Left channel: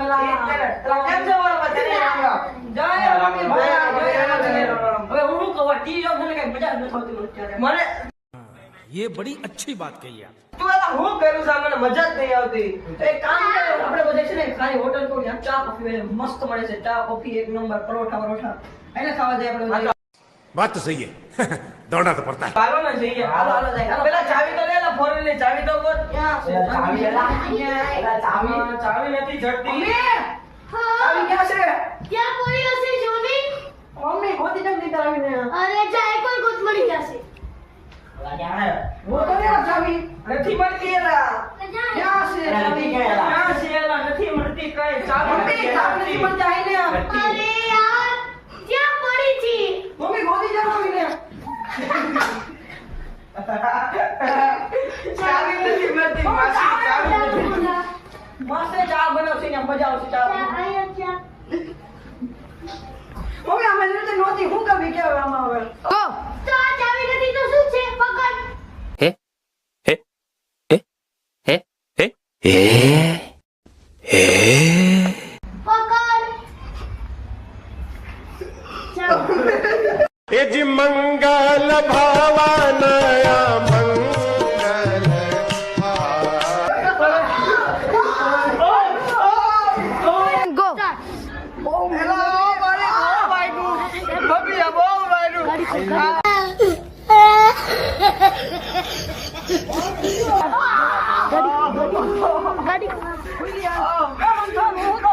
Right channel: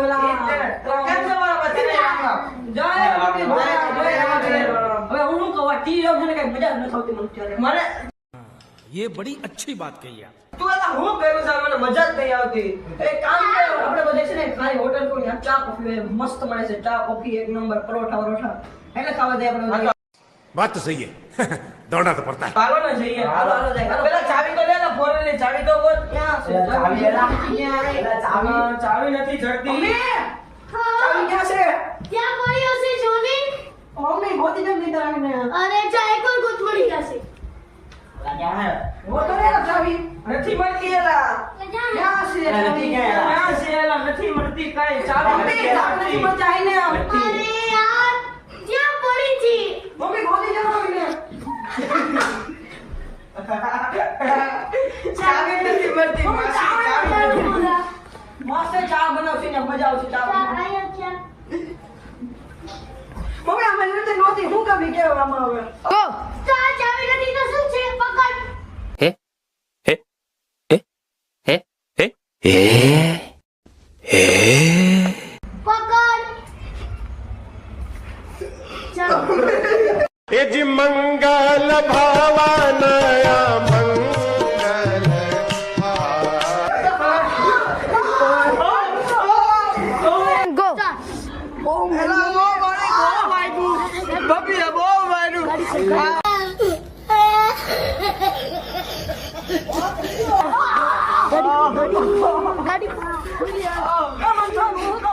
વેલા કેમ છો મારા પતિને જય મમ્મી હવે હું શું કહું ટી જો મને કઈ મજા જ નથી આવતી મને ત્યારે મને ये बड़ी अच्छी बात कही आप। તું એલા હું કરું છું મને મજા જ નહીં આવતી એક કામ કરો આપણે બધે છે ને ખાલી હોટલ કોઈ ત્યાં ચા કોફી મસ્ત મળે છે ચા કોફી એક નંબર પરોઠા વરોઠા એટલે ખાવા જાય આપણે बात तो सही है दौड़ना तो पड़ता है। હાલો ને જઈએ હાલો હાલો જાય હાલો પેલા ચાવી તો લે લા ફોરન ની ચાવી તો બોલ ક્યાં છે ચાવી લેલા. એલા ચાવી નથી જડતી મમ્મી ચાવી ક્યાં છે ક્યાં પડ્યો છે જોની? મમ્મી ગોતી જમ દીધા આવીને અરે જા એકવાર ગોત મળી જશે. ગોતો ને ચાવી નથી મળતી એલા ક્યાં છે નથી ક્યાં છે એલા નથી મળતી કઈ ચાવી મમ્મી ચાવી નથી મળતા આઈને અરે યાર ક્યાં પડી હતી? મમ્મી ગોતી જમ આવીને ચાવી નથી મળતી માસી ચાવી નથી મસ્ત ચા બનાવશે ને મજા આવશે ચા અહીંયા ક્યાં? મમ્મી અમે રીતે નહોતી હું કભી કેવા આમાં હવે તો આ ચાવી નથી તો શું છે? પકડ. પકડ. ચાવી. એ જી મંગલ ભાવાનયા મંગલ ગો. એલા ઓ મારી બહુ વાગ્યું બબી બહુ વાગ્યું ગાડી ખોલ, ગાડી ખોલ. ગાડી ખોલ.